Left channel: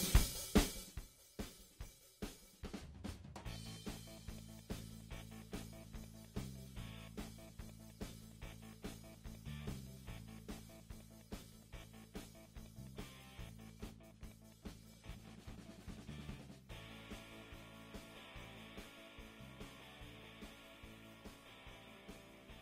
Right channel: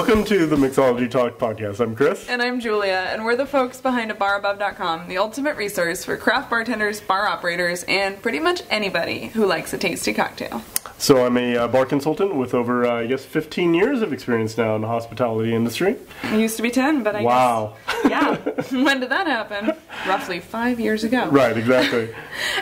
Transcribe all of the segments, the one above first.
Welcome to the Mixology Talk podcast. I'm Chris. And I'm Julia, and we're the folks behind abarabove.com, the ultimate resource for craft bartenders, bar operators, and pretty much anybody who likes a tasty cocktail. So I'm a bar consultant with over, 15 years of experience now in the hospitality industry. It used to be 10, but I guess... Yeah. When did that happen? Roughly 5 years ago. Right, exactly.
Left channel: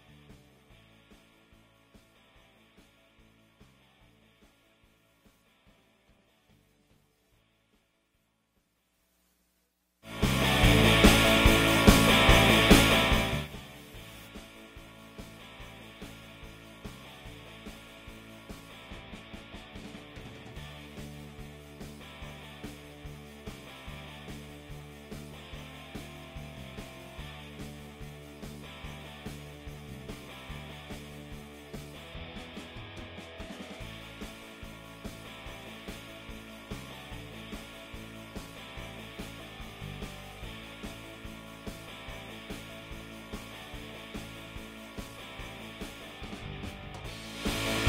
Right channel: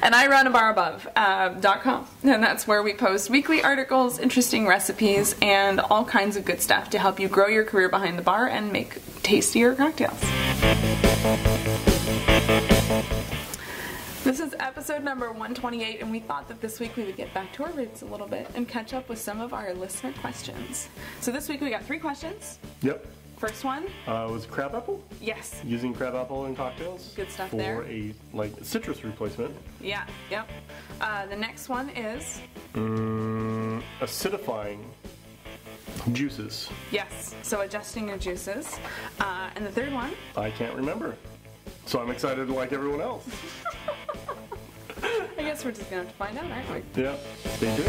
And I run abarabove.com, and that's where we post weekly articles, interesting recipes, and all kinds of good stuff to help you grow your career behind the bar and make tastier cocktails. This is episode number 128, and we thought that this week we would get back to our roots a little bit and catch up with some of our listener questions. So this week we got 3 questions. Yep. First one. Was crab apple? Yes. Using crab apple in cocktails? Good stuff for there. For a, citrus replacement. Yeah, yep. The next one is... acidifying juices. Yes, so adjusting your juices. And the third one? I can't remember. So I'm excited like everyone else. I guess we're just going to find out, aren't we? Yeah, stay tuned.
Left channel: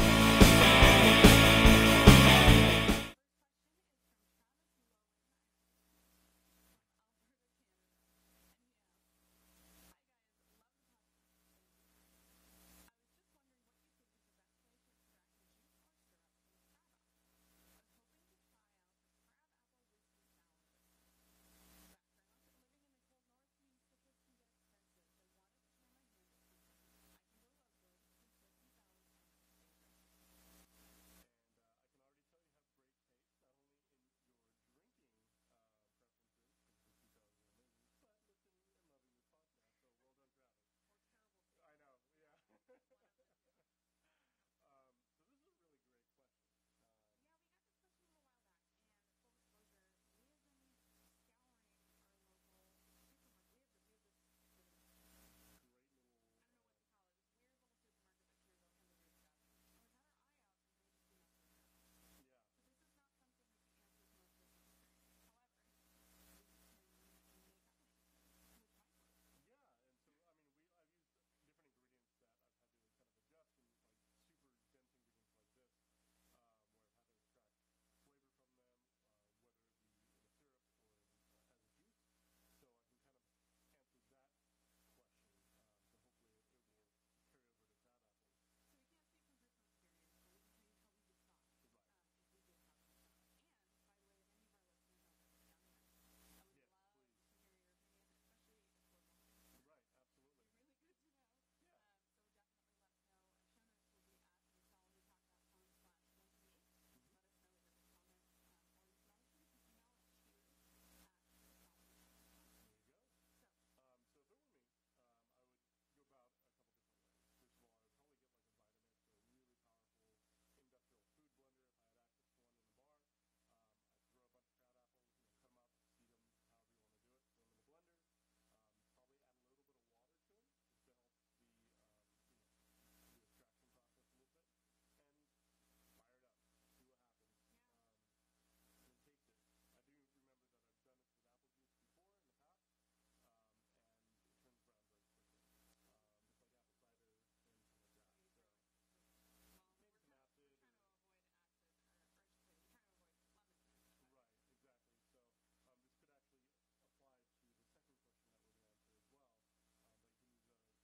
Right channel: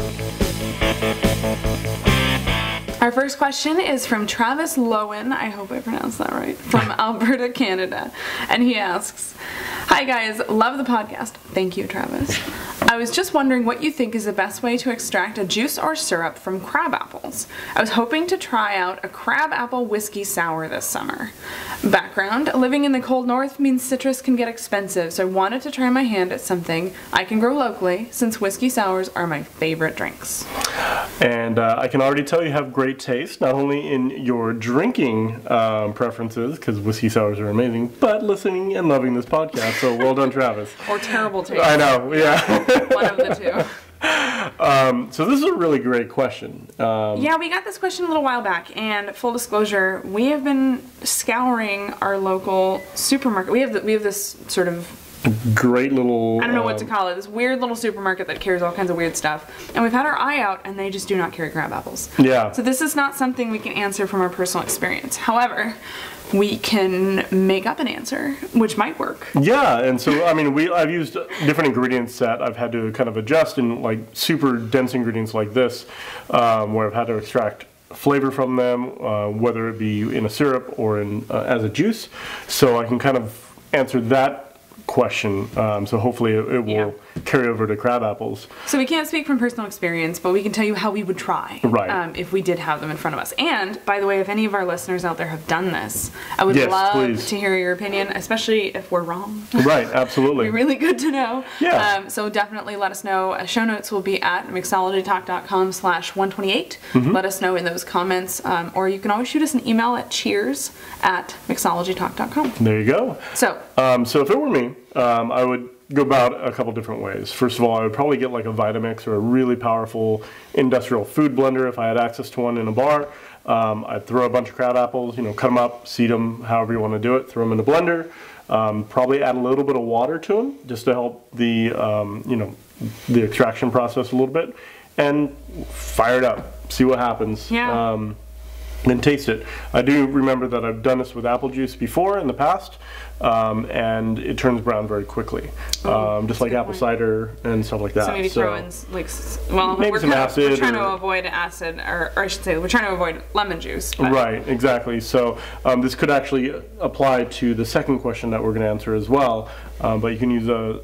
Our first question is from Travis Lowen, I hope I pronounced that right, from Alberta, Canada. And he asks, "Hi guys, love the podcast." Thank you, Travis. "I was just wondering what you think is the best way to extract a juice or syrup from crab apples. I was hoping to try out a crab apple whiskey sour this summer. Background: living in the cold north means citrus can get expensive, so I wanted to try my hand at something I can grow locally, since whiskey sours are my favorite drinks." And I can already tell you have great taste, not only in your drinking preferences, because whiskey sours are amazing, but listening and loving this podcast. So well done, Travis. Or terrible taste. I know, yeah. One of the two. So this is a really great question. Yeah, we got this question a little while back, and full disclosure, we have been scouring our local supermarket. We have this sort of great little... I don't know what to call it. This weird little supermarket that carries all kinds of weird stuff. And we've had our eye out, and they just do not carry crab apples. Yeah. So this is not something we can answer from our personal experience. However, we can make up an answer, which might work. Yeah, and so, I mean, I've used different ingredients that I've had to kind of adjust in, like, super dense ingredients like this, where I've had to extract flavor from them, whether it be in a syrup or in as a juice. So I can kind of answer that question, so hopefully it will carry over to crab apples. So we can't speak from personal experience, but we can tell you how we would try, right, if we did have them in front of us. And by the way, if any of our listeners out there have done this, I would love to hear your opinion, especially if we're wrong. Right, absolutely. It'd be really good to know. Yeah. So definitely let us know. Show notes will be at mixologytalk.com/128. Let us know in those comments, or you can always shoot us an email at cheers@mixologytalk.com. There you go. So if it were me, I would go about a couple different ways. First of all, I would probably get like a Vitamix or a really powerful industrial food blender if I had access to one in a bar. I'd throw a bunch of crab apples, cut them up, seed them, however you want to do it, throw them in a blender. Probably add a little bit of water to them just to help the, the extraction process a little bit, and fire it up, see what happens. Yeah. And taste it. I do remember that I've done this with apple juice before in the past, and it turns brown very quickly, just like apple cider and stuff like that. So maybe throw in maybe some acid. We're trying to avoid acid, or I should say, we're trying to avoid lemon juice. But. Right, exactly. So this could actually apply to the second question that we're going to answer as well, but you can use a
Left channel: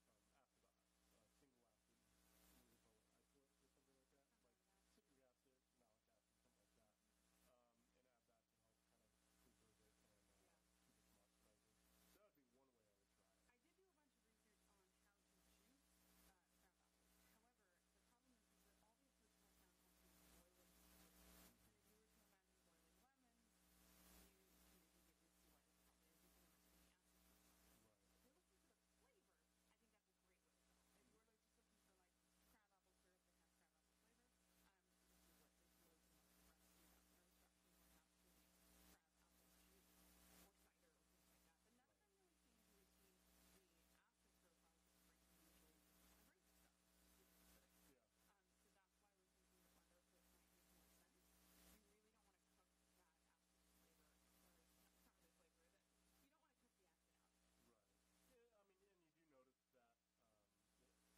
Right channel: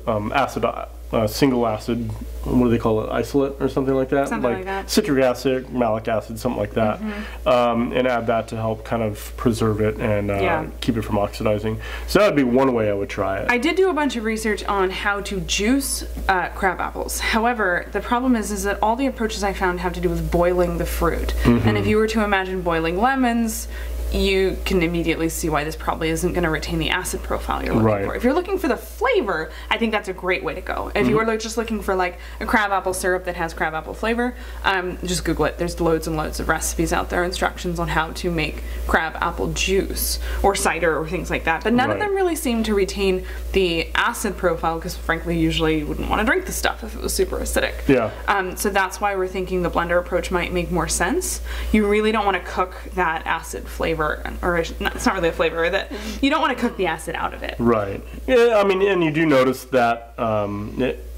single acid, what do they call it, isolate or something like that? Something like that. Citric acid, malic acid, something like that. And add that to help kind of preserve it and keep it from oxidizing. So that would be one way I would try it. I did do a bunch of research on how to juice crab apples. However, the problem is that all the approaches I found have to do with boiling the fruit. And if you were to imagine boiling lemons, you can immediately see why this probably isn't going to retain the acid profile you're looking for. If you're looking for the flavor, I think that's a great way to go. If you were just looking for like a crab apple syrup that has crab apple flavor, just Google it. There's loads and loads of recipes out there, instructions on how to make crab apple juice or cider or things like that. But none of them really seem to retain the acid profile, because frankly, usually you wouldn't want to drink the stuff if it was super acidic. Yeah. So that's why we're thinking the blender approach might make more sense. You really don't want to cook that acid flavor flavor, or it's not really a flavor, that you don't want to cook the acid out of it. Right. Yeah, I mean, and you do notice that,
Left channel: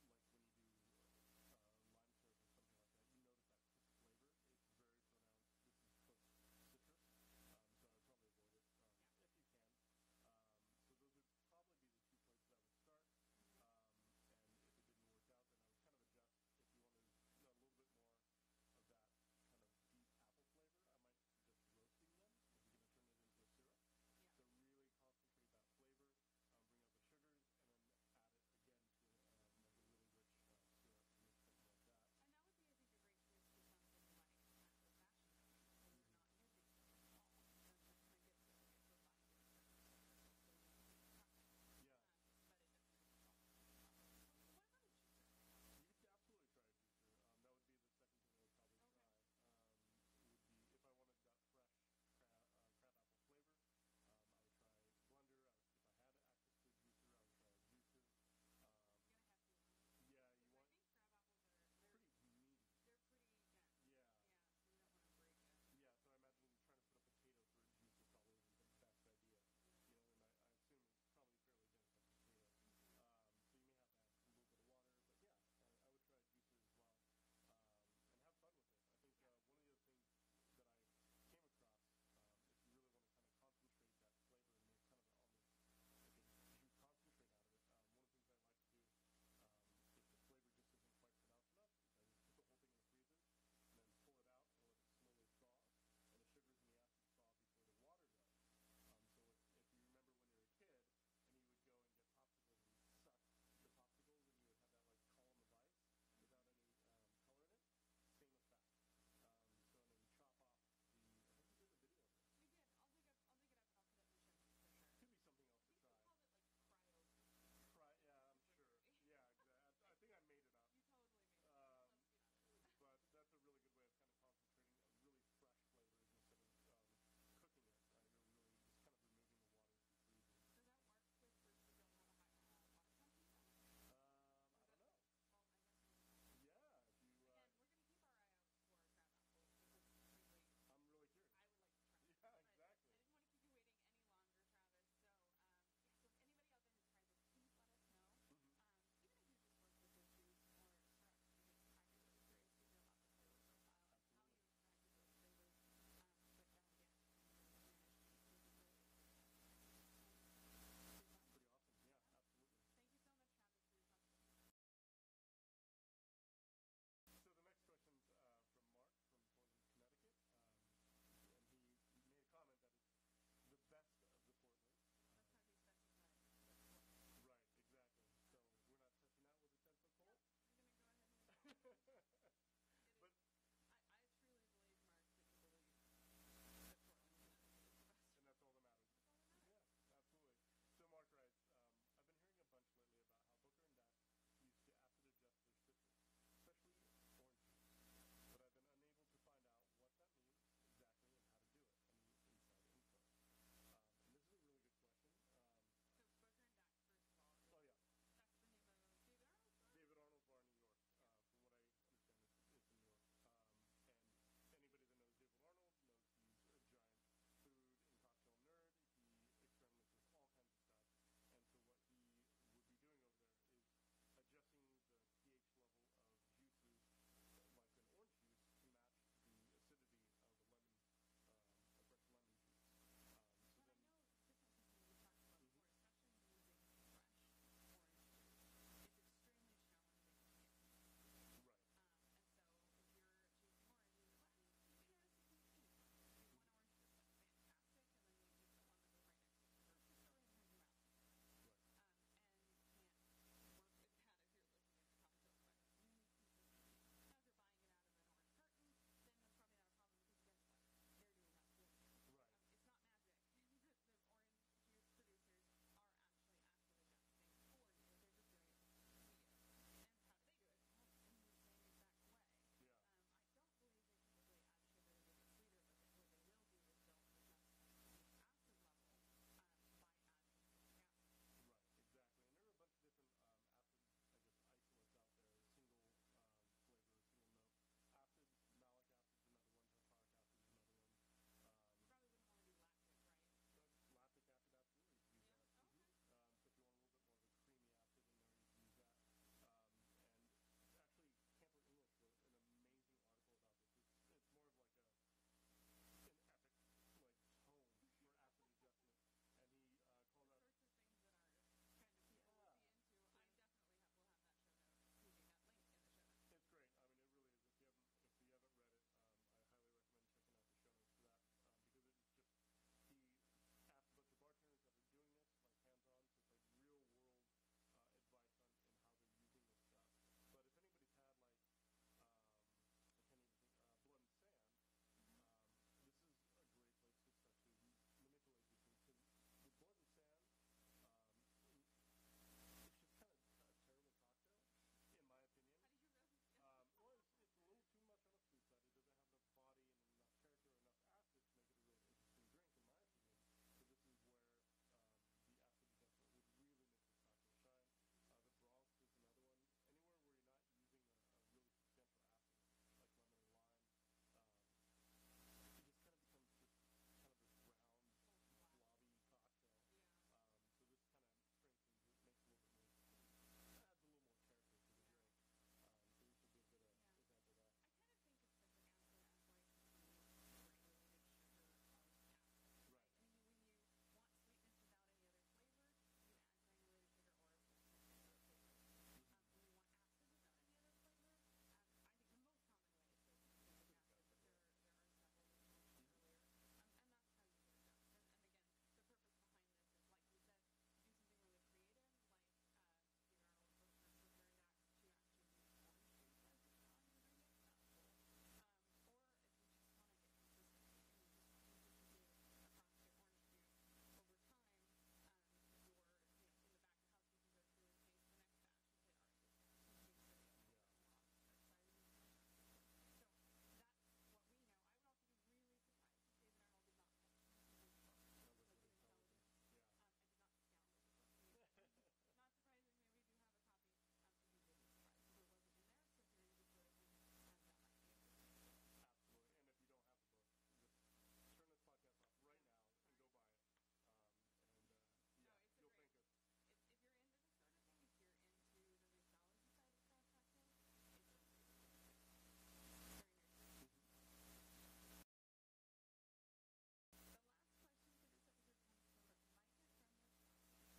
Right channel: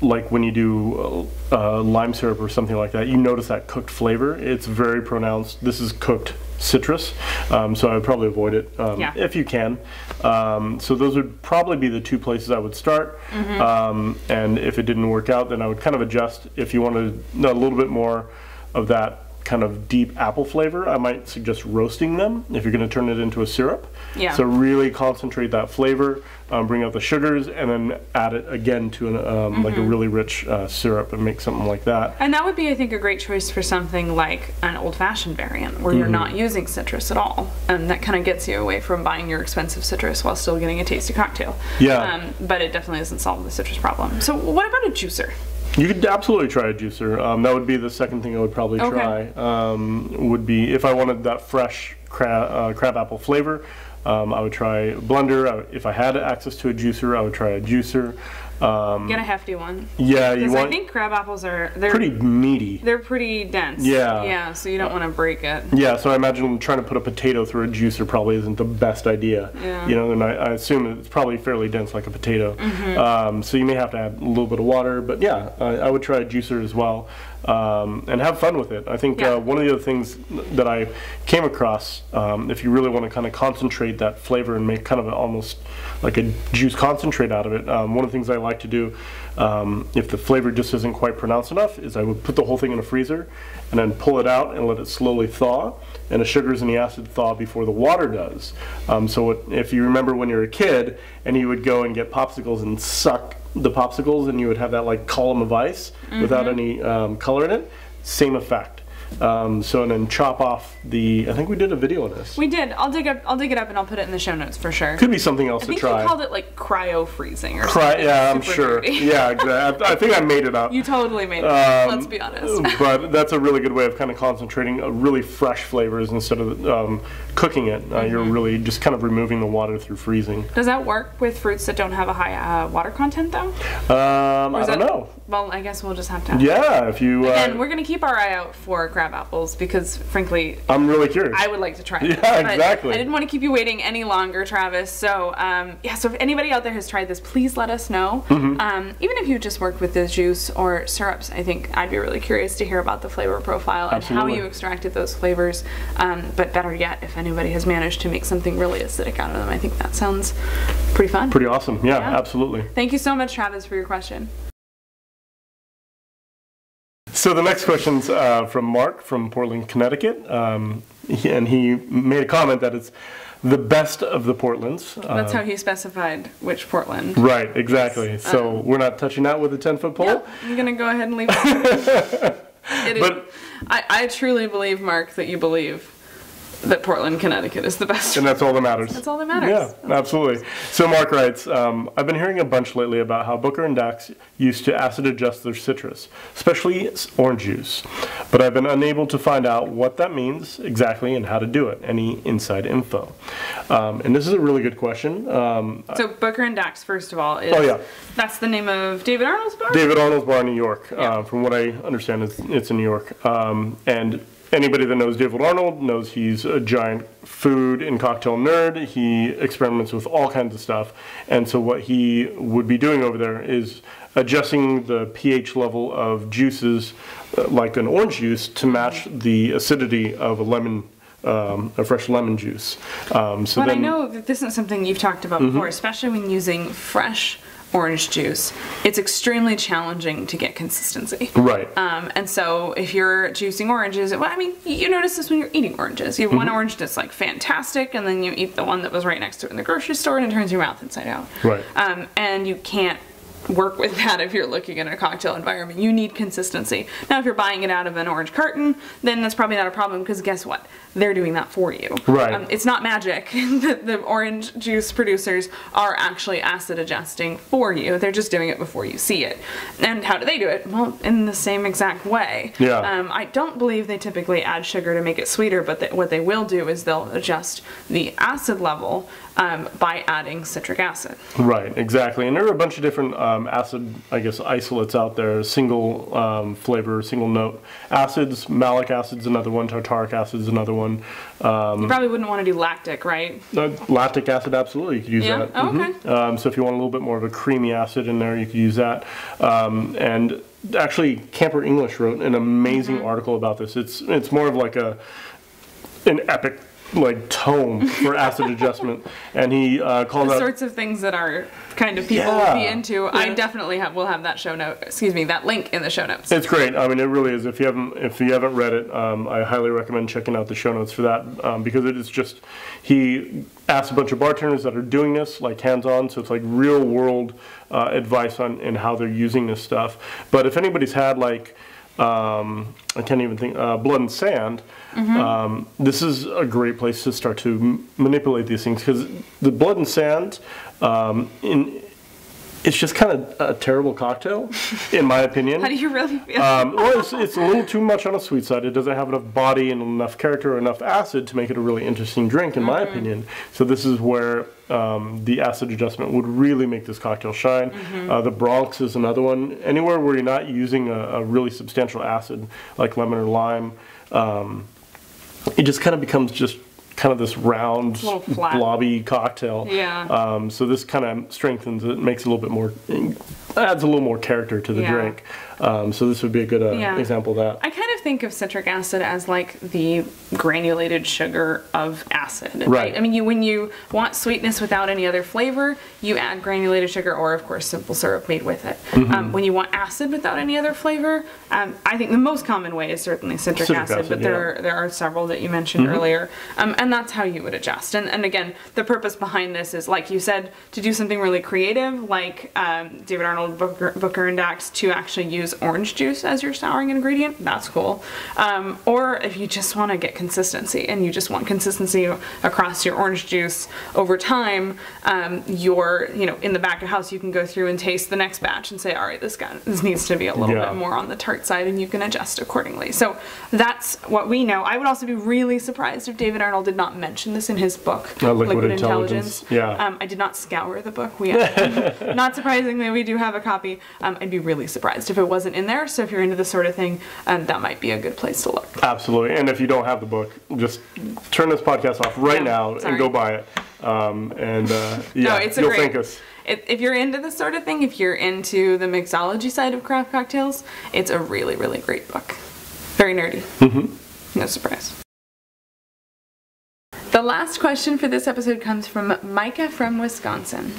like when you do lime syrup or something like that, you notice that cooked flavor. It's very pronounced. This is cooked citrus, so I would probably avoid it if you can. So those would probably be the two places I would start. And if it didn't work out, then I would kind of adjust. If you wanted a little bit more of that kind of deep apple flavor, I might suggest roasting them if you're going to turn it into a syrup. Yeah. So really concentrate that flavor, bring out the sugars, and then add it again to an, like a really rich syrup and make something like that. And that would be, I think, a great choice for something like an old-fashioned variant where you're not using citrus at all. And that kind of gets you away from buying your expensive citrus while still getting a tasty cocktail. Yeah. But it definitely doesn't solve the citrus problem. So what about a juicer? You could absolutely try a juicer. That would be the second thing I would probably try. Would be if I wanted that fresh crab apple flavor, I would try a blender. If I had access to a juicer, I would try a juicer. Get a hefty one. Yeah, you want. I think crab apples they're pretty meaty. They're pretty dense. Yeah. Yeah, so you don't want to break it. Yeah, so I imagine trying to put a potato through a juicer probably isn't the best idea. Yeah. You know, and I assume it's probably fairly dense like a potato. So you may have to add a little bit of water, but yeah, I would try a juicer as well. And have fun with it. I think one of the other things that I came across, if you really want to kind of concentrate that flavor and make kind of almost like a juice concentrate out of it, one of the things I like to do, if the flavor just isn't quite pronounced enough, is I would put the whole thing in a freezer and then pull it out and let it slowly thaw, and the sugars and the acid thaw before the water does. So if you remember when you were a kid and you would go and get popsicles and suck the popsicles and you would have that like column of ice without any color in it, same effect. So and then chop off I think we did a video on this. We did. I'll dig it up and I'll put it in the show notes for sure. Could be something else I think to try. you called it like cryo freezing or something. Yeah, I'm Super sure. dirty. Yeah, exactly. I think I made it up. You totally made it up, let's be honest. But that's a really good way of kind of concentrating really fresh flavors instead of cooking it. You're really just kind of removing the water through freezing. Does that work with fruits that don't have a high water content though? I don't know. Well, I guess we'll just have to. Yeah, if you. Again, we're going to keep our eye out for crab apples because, frankly, I'm really curious. I would like to try it. Yeah, exactly. I didn't want to keep you waiting any longer, Travis. So, so if anybody out there has tried this, please let us know. Even if you just worked with the juice or syrups, I think I'd be really curious to hear about the flavor profile and how you extracted those flavors. But better yet, if anybody has managed to make something really acidic out of them, I think that sounds pretty fun. Pretty awesome. Yeah, absolutely. Thank you so much, Travis, for your question. So the next question's from Mark from Portland, Connecticut, and he made a comment that it's the best of the Portlands. That's how he specified which Portland. Right, exactly. Yes. So we're not touching that with a 10-foot pole? Yep, I'm going to go ahead and leave it. I truly believe, Mark, that you believe that Portland, Connecticut is the best. And that's all that matters. That's all that matters. Yeah, absolutely. So Mark writes, I've been hearing a bunch lately about how Booker and Dax used to acid adjust their citrus, especially orange juice. But I've been unable to find out what that means exactly and how to do it. Any inside info? And this is a really good question. So Booker and Dax, first of all, that's the name of David Arnold's bar? David Arnold's bar in New York. From what I understand, it's in New York. And anybody that knows David Arnold knows he's a giant food and cocktail nerd. He experiments with all kinds of stuff. And so what he would be doing over there is adjusting the pH level of juices, like an orange juice, to match the acidity of a fresh lemon juice. But I know that this isn't something you've talked about before, especially when using fresh orange juice. It's extremely challenging to get consistency. Right. And so if you're juicing oranges, well, I mean, you notice this when you're eating oranges. You have one orange that's like fantastic, and then you eat the one that was right next to it in the grocery store, and it turns your mouth inside out. Right. And you can't work with that if you're looking in a cocktail environment. You need consistency. Now, if you're buying it out of an orange carton, then that's probably not a problem, because guess what? They're doing that for you. Right. It's not magic. The orange juice producers are actually acid adjusting for you. They're just doing it before you see it. And how do they do it? Well, in the same exact way. Yeah. I don't believe they typically add sugar to make it sweeter, but what they will do is they'll adjust the acid level by adding citric acid. Right, exactly. And there are a bunch of different acid, I guess, isolates out there. Single flavor, single note acids. Malic acid's another one. Tartaric acid's another one. You probably wouldn't want to do lactic, right? Lactic acid, absolutely. You could use Yeah? that. Oh, okay. So if you want a little bit more of a creamy acid in there, you could use that. And actually, Camper English wrote an amazing article about this. It's more of like an epic like tome for acid adjustment, and he called The out sorts of things that our kind of people would be into. I definitely will have that that link in the show notes. It's great. I mean, it really is. If you haven't read it, I highly recommend checking out the show notes for that, because it is just, he asked a bunch of bartenders that are doing this, like hands-on, so it's like real world advice on how they're using this stuff. But if anybody's had like I can't even think, Blood and Sand, this is a great place to start to manipulate these things, because the Blood and Sand, it's just kind of a terrible cocktail, in my opinion. How do you really feel? Well, it's a little too much on the sweet side. It doesn't have enough body and enough character or enough acid to make it a really interesting drink, in my opinion. So this is where the acid adjustment would really make this cocktail shine. The Bronx is another one. Anywhere where you're not using a really substantial acid, like lemon or lime, it just kind of becomes just kind of this round, blobby cocktail. Yeah. So this kind of strengthens it, makes it a little bit more, adds a little more character to the drink. So this would be a good example of that. I kind of think of citric acid as like the granulated sugar of acid. Right. I mean, when you want sweetness without any other flavor, you add granulated sugar or, of course, simple syrup made with it. When you want acid without any other flavor, I think the most common way is certainly citric acid, but there are several that you mentioned earlier. And that's how you would adjust. And again, the purpose behind this is, like you said, to do something really creative, like David Arnold, Booker, and Dax, to actually use orange juice as your souring ingredient. That's cool. Or if you just want to get consistency and you just want consistency across your orange juice over time, in the back of house, you can go through and taste the next batch and say, all right, this needs to be a little bit more on the tart side, and you can adjust accordingly. So that's what we know. I would also be really surprised if David Arnold did not mention this in his book, Liquid Intelligence. Yeah. I did not scour the book. Not surprisingly, we do have a copy. I'd be really surprised if it wasn't in there. So if you're into this sort of thing, that might be a good place to look. Absolutely. And if you don't have the book, just turn this podcast off right now and go buy it. You'll thank us. If you're into this sort of thing, if you're into the mixology side of craft cocktails, it's a really, really great book. Very nerdy. No surprise. The last question for this episode comes from Micah from Wisconsin.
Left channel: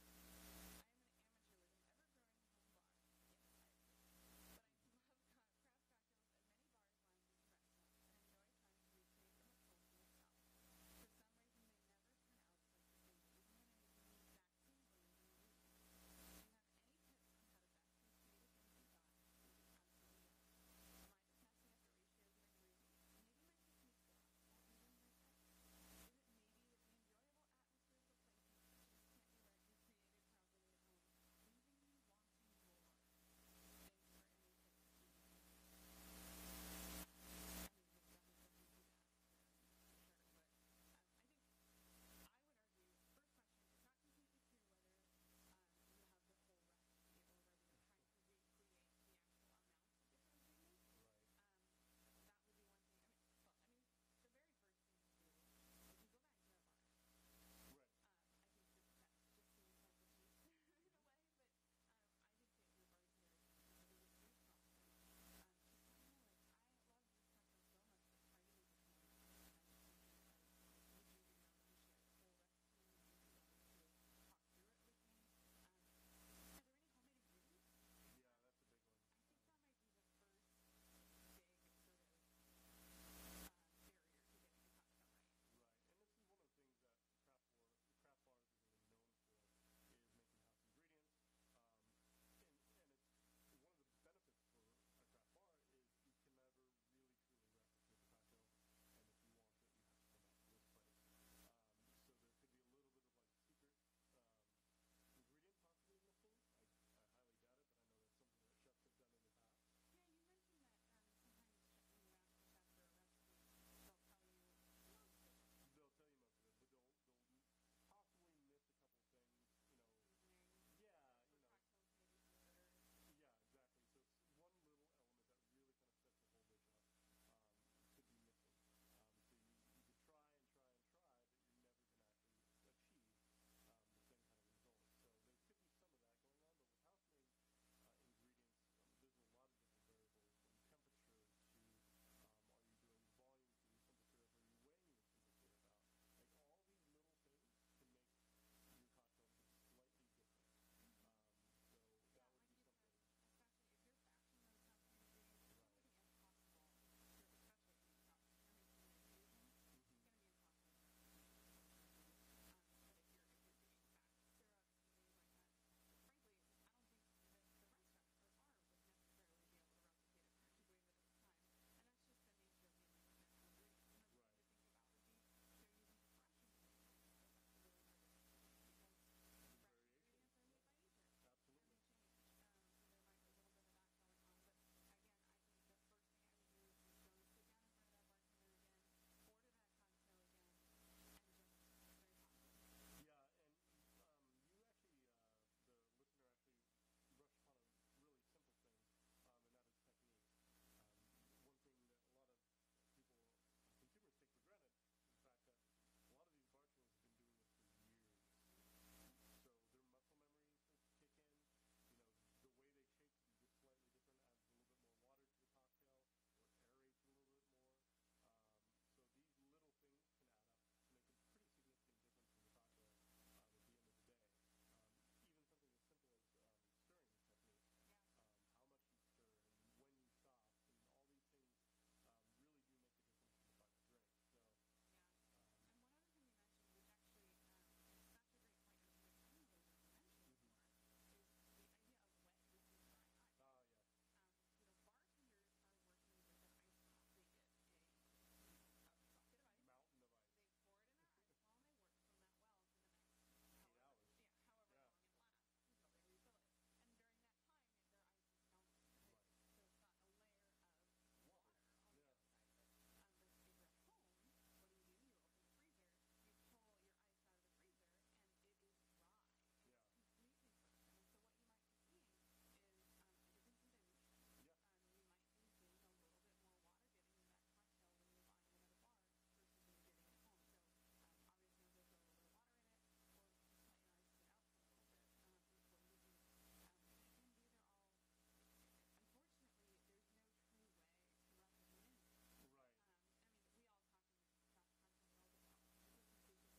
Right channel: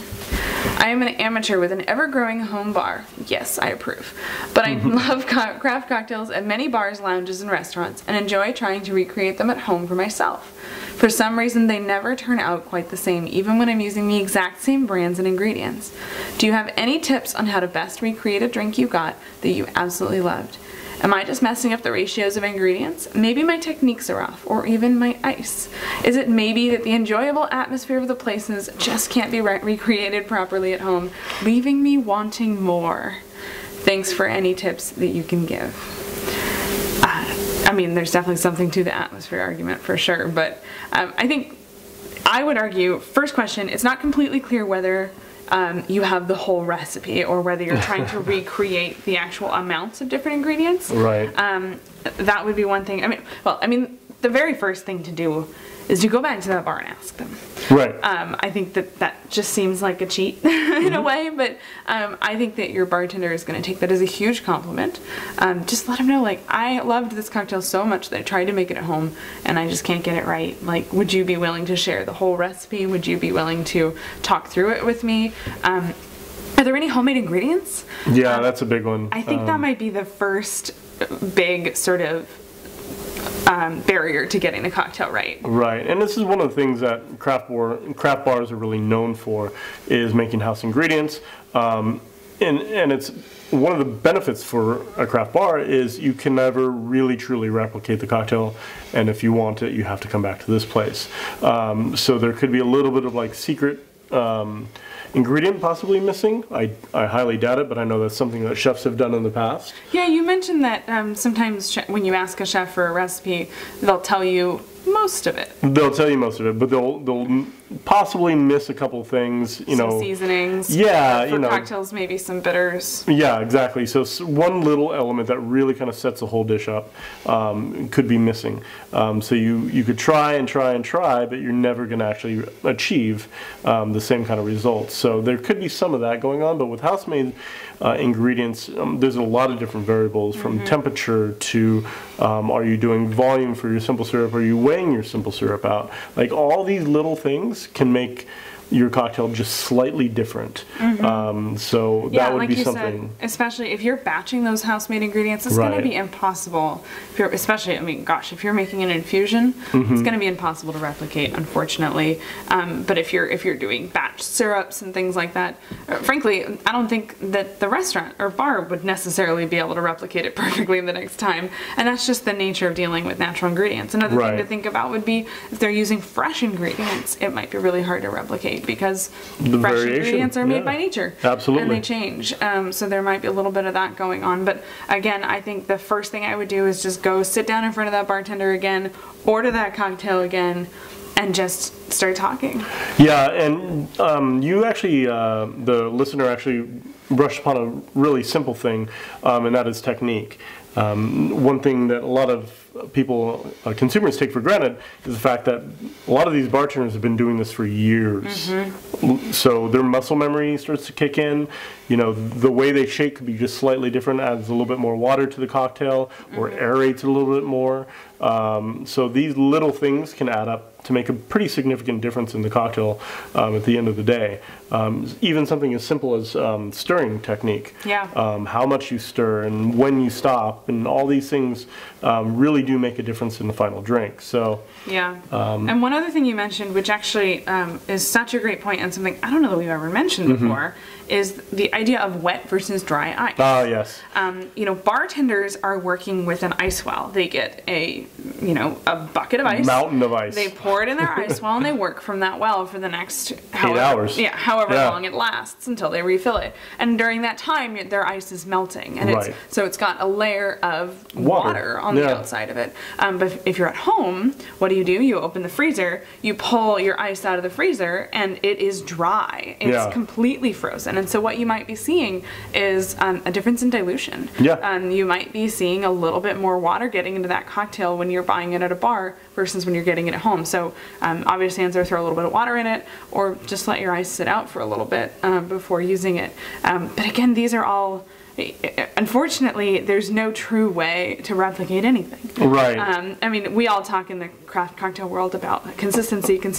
I am an amateur with an ever-growing home bar. Yes, I approve. But I love craft cocktails at many bars, lounges, and restaurants, and enjoy trying to recreate them at home for myself. For some reason, they never turn out quite the same, even when I'm using the exact same brands and ingredients. Do you have any tips on how to best recreate a drink you got that you absolutely loved? Am I just messing up the ratios of ingredients? Maybe my techniques are off, or even my ice. Is it maybe that the enjoyable atmosphere of the places just can't be recreated properly at home, leaving me wanting more? Thanks for any tips that you can give. I mean, there's definitely something to the atmosphere argument for sure, but I would argue, first question, it's not completely clear whether you have the whole recipe or whether you're trying to recreate the actual amounts of different ingredients. Right. That would be one thing. I mean, the very first thing to do is to go back to that bar and ask them. Right. I think that just seems like a cheat in a way, but I think that your bartender is going to take that as a huge compliment. Just let them know, like, I loved this cocktail so much that I tried to make it at home and I just can't get it right. Like, would you be willing to share the whole recipe? Would you be willing to talk through it with me? Are there any homemade ingredients? Yeah, that's a big one. I think that might be the first big sort of barrier to getting the cocktail right. Right, and this is one of the things that craft bars are really known for, is making house ingredients. And it's one of the benefits for a craft bar is you can never really truly replicate the cocktail, and if you want it, you have to come back to this place. So there could be a little bit of like secret ingredient possibly missing. I highly doubt it, but I know that's something that chefs have done in the past. Yeah, you mentioned that sometimes when you ask a chef for a recipe, they'll tell you most of it. They'll tell you most of it, but they'll possibly miss a couple things, Some seasonings. Yeah, For cocktails, maybe some bitters. Yeah, exactly. So one little element that really kind of sets the whole dish up could be missing. So you could try and try and try, but you're never going to actually achieve the same kind of results. So there could be some of that going on, but with house-made ingredients, there's a lot of different variables, from temperature to are you doing volume for your simple syrup? Are you weighing your simple syrup out? Like, all these little things can make your cocktail just slightly different. So that would like be you something. Said, especially if you're batching those house-made ingredients, it's going to be impossible. If you're, especially, I mean, gosh, if you're making an infusion, it's going to be impossible to replicate, unfortunately. But if you're doing batch syrups and things like that, frankly, I don't think that the restaurant or bar would necessarily be able to replicate it perfectly the next time. And that's just the nature of dealing with natural ingredients. Another thing to think about would be if they're using fresh ingredients, it might be really hard to replicate, because fresh ingredients are made by nature. Absolutely. And they change. So there might be a little bit of that going on. But again, I think the first thing I would do is just go sit down in front of that bartender again, order that cocktail again, and just start talking. Yeah, and you actually, the listener actually brushed upon a really simple thing, and that is technique. One thing that a lot of people, consumers, take for granted is the fact that a lot of these bartenders have been doing this for years. So their muscle memory starts to kick in. You know, the way they shake could be just slightly different, adds a little bit more water to the cocktail, or aerates it a little bit more. So these little things can add up to make a pretty significant difference in the cocktail at the end of the day. Even something as simple as stirring technique. How much you stir and when you stop, and all these things really do make a difference in the final drink. So and one other thing you mentioned, which actually is such a great point, and something I don't know that we've ever mentioned before, is the idea of wet versus dry ice. Ah, yes. You know, bartenders are working with an ice well. They get a bucket of ice. Mountain of ice. They pour it in their ice well, and they work from that well for the next 8 hours. Yeah, however long it lasts until they refill it. And during that time, their ice is melting, and so it's got a layer of water on the outside of it. But if you're at home, what do? You open the freezer, you pull your ice out of the freezer, and it is dry. It's completely frozen. And so what you might be seeing is a difference in dilution. You might be seeing a little bit more water getting into that cocktail when you're buying it at a bar versus when you're getting it at home. So obviously answer, throw a little bit of water in it, or just let your ice sit out for a little bit before using it. But again, these are all, unfortunately, there's no true way to replicate anything. I mean, we all talk in the craft cocktail world about consistency, and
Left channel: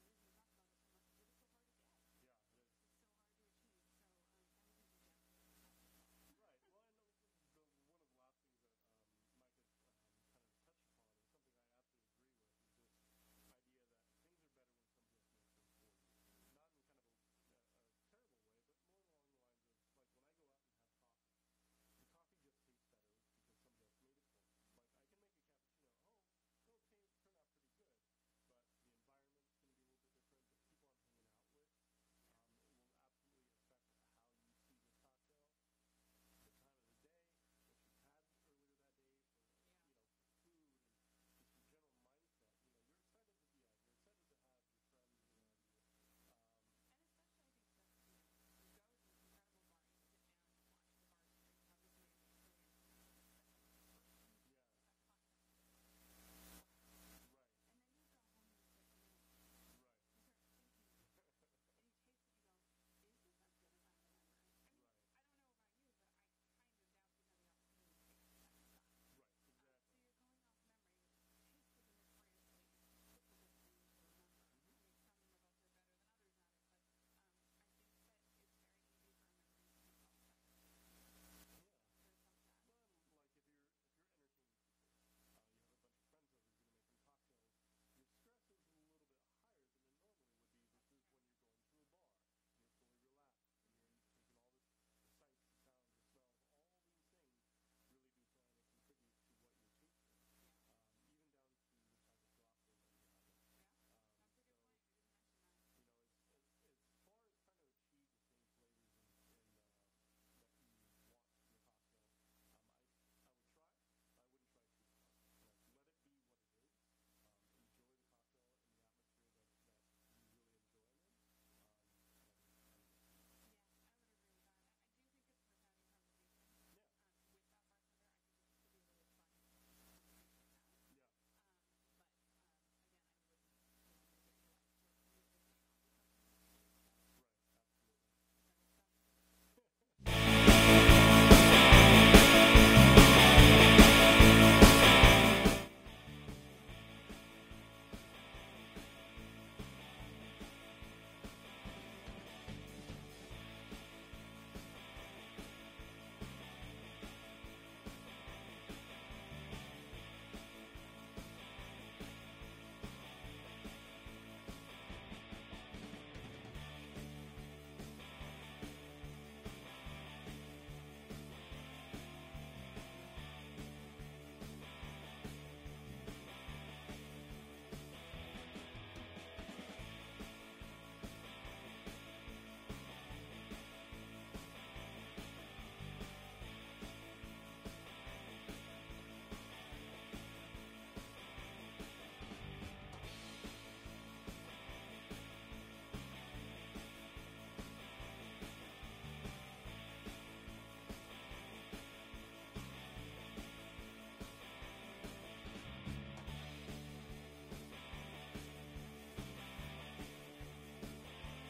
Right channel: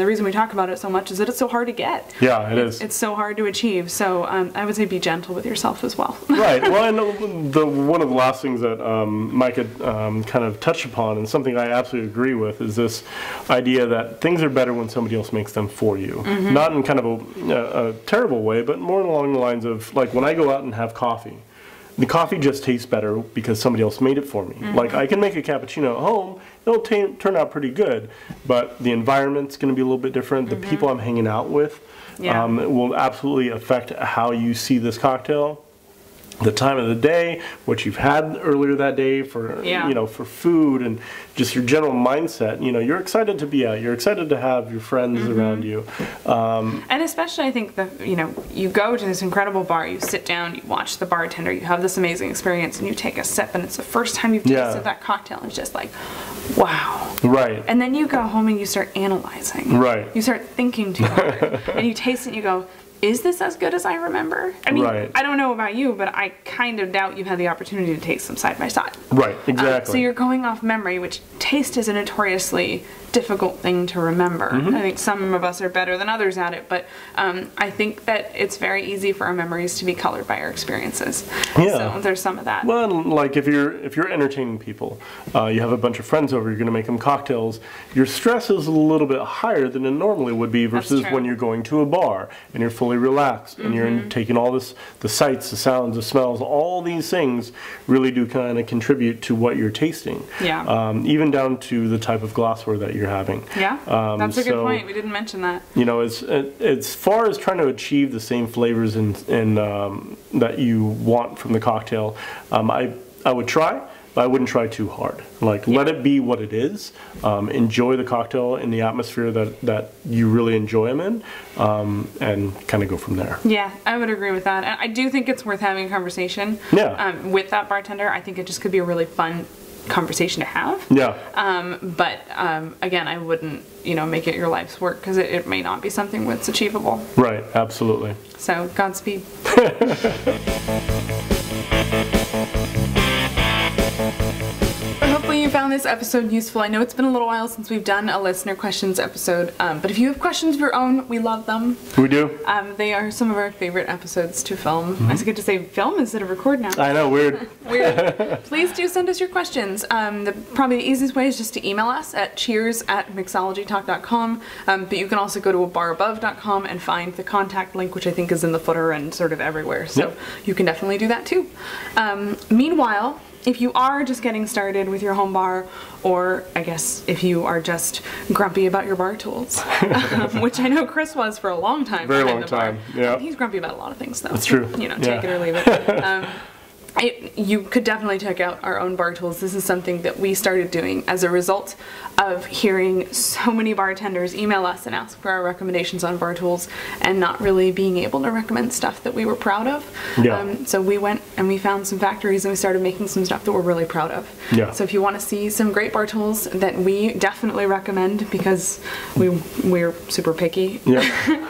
the reason we talk about it so much is that it's so hard to get. It is. It's so hard to achieve. So I would say be gentle with yourself as well. Well, and one of the last things that Mike had kind of touched upon, and something I absolutely agree with, is this idea that things are better when somebody else makes them for you. Not in kind of a terrible way, but more along the lines of, like, when I go out and have coffee, the coffee just tastes better because somebody else made it for me. Like, I can make a cappuccino at home, it'll turn out pretty good, but the environment's going to be a little bit different. The people I'm hanging out with will absolutely affect how you see this cocktail. The time of the day, what you've had earlier that day for for food, and just your general mindset. You know, you're excited to be out. You're excited to have your friends around you. And especially, I think that you go to this incredible bar, you sit down, you watch the bartender, you have this amazing experience, and you take a sip, and it's the first time you've tasted that cocktail, and it's just like, wow. And then you go home and you start analyzing. You start thinking too hard, and you taste it, and you go, is this as good as I remember? I mean, I don't know about you, but I kind of doubt you've had the opportunity to taste them side by side. Exactly. So you're going off memory, which taste is a notoriously difficult thing to remember. I think some of us are better than others at it, but I think that it's very easy for our memories to be colored by our experiences. So there's some of that. Well, like if you're entertaining people, you have a bunch of friends over, you're going to make them cocktails, your stress is a little bit higher than it normally would be versus when you're going to a bar and you're fully relaxed and you're taking all the sights, the sounds, the smells, all these things really do kind of contribute to what you're tasting. Even down to the type of glassware that you're having. That's a good point. We didn't mention that. You know, as far as trying to achieve the same flavors and that you want from the cocktail, I would try. but I wouldn't try too hard. Like, let it be what it is. Enjoy the cocktail in the atmosphere that you really enjoy them in, and kind of go from there. Yeah, I would agree with that. And I do think it's worth having a conversation with that bartender. I think it just could be a really fun conversation to have. Yeah. But again, I wouldn't, make it your life's work, because it may not be something that's achievable. Right, absolutely. So, Godspeed. Hopefully you found this episode useful. I know it's been a little while since we've done a listener questions episode, but if you have questions of your own, we love them. We do. They are some of our favorite episodes to film. I was going to say film instead of record now. I know, weird. Weird. Please do send us your questions. Probably the easiest way is just to email us at cheers@mixologytalk.com, but you can also go to abarabove.com and find the contact link, which I think is in the footer and sort of everywhere, so you can definitely do that too. Meanwhile, if you are just getting started with your home bar, or I guess if you are just grumpy about your bar tools, which I know Chris was for a long time. Very long time, yeah. He's grumpy about a lot of things, though. That's true. Take it or leave it. You could definitely check out our own bar tools. This is something that we started doing as a result of hearing so many bartenders email us and ask for our recommendations on bar tools and not really being able to recommend stuff that we were proud of. Yeah. So we went and we found some factories and we started making some stuff that we're really proud of. Yeah. So if you want to see some great bar tools that we definitely recommend, because we're super picky,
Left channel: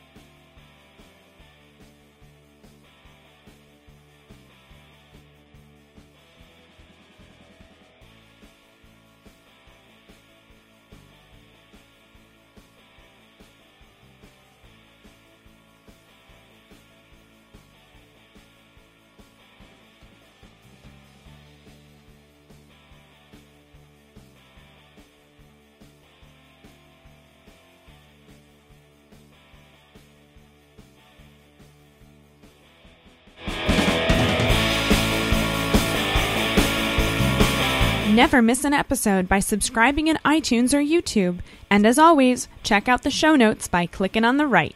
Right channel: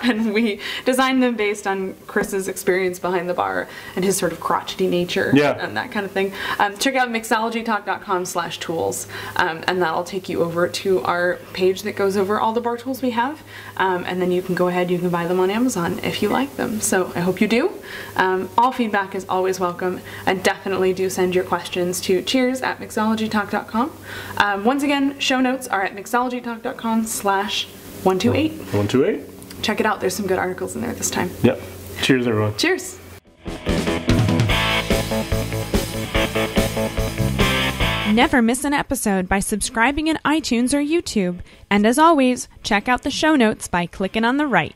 and we designed them based on Chris's experience behind the bar and his sort of crotchety nature and that kind of thing, check out mixologytalk.com/tools, and that'll take you over to our page that goes over all the bar tools we have, and then you can go ahead, you can buy them on Amazon if you like them. So I hope you do. All feedback is always welcome, and definitely do send your questions to cheers@mixologytalk.com. Once again, show notes are at mixologytalk.com/128. 128. Check it out, there's some good articles in there this time. Yep. Cheers, everyone. Cheers. Never miss an episode by subscribing in iTunes or YouTube. And as always, check out the show notes by clicking on the right.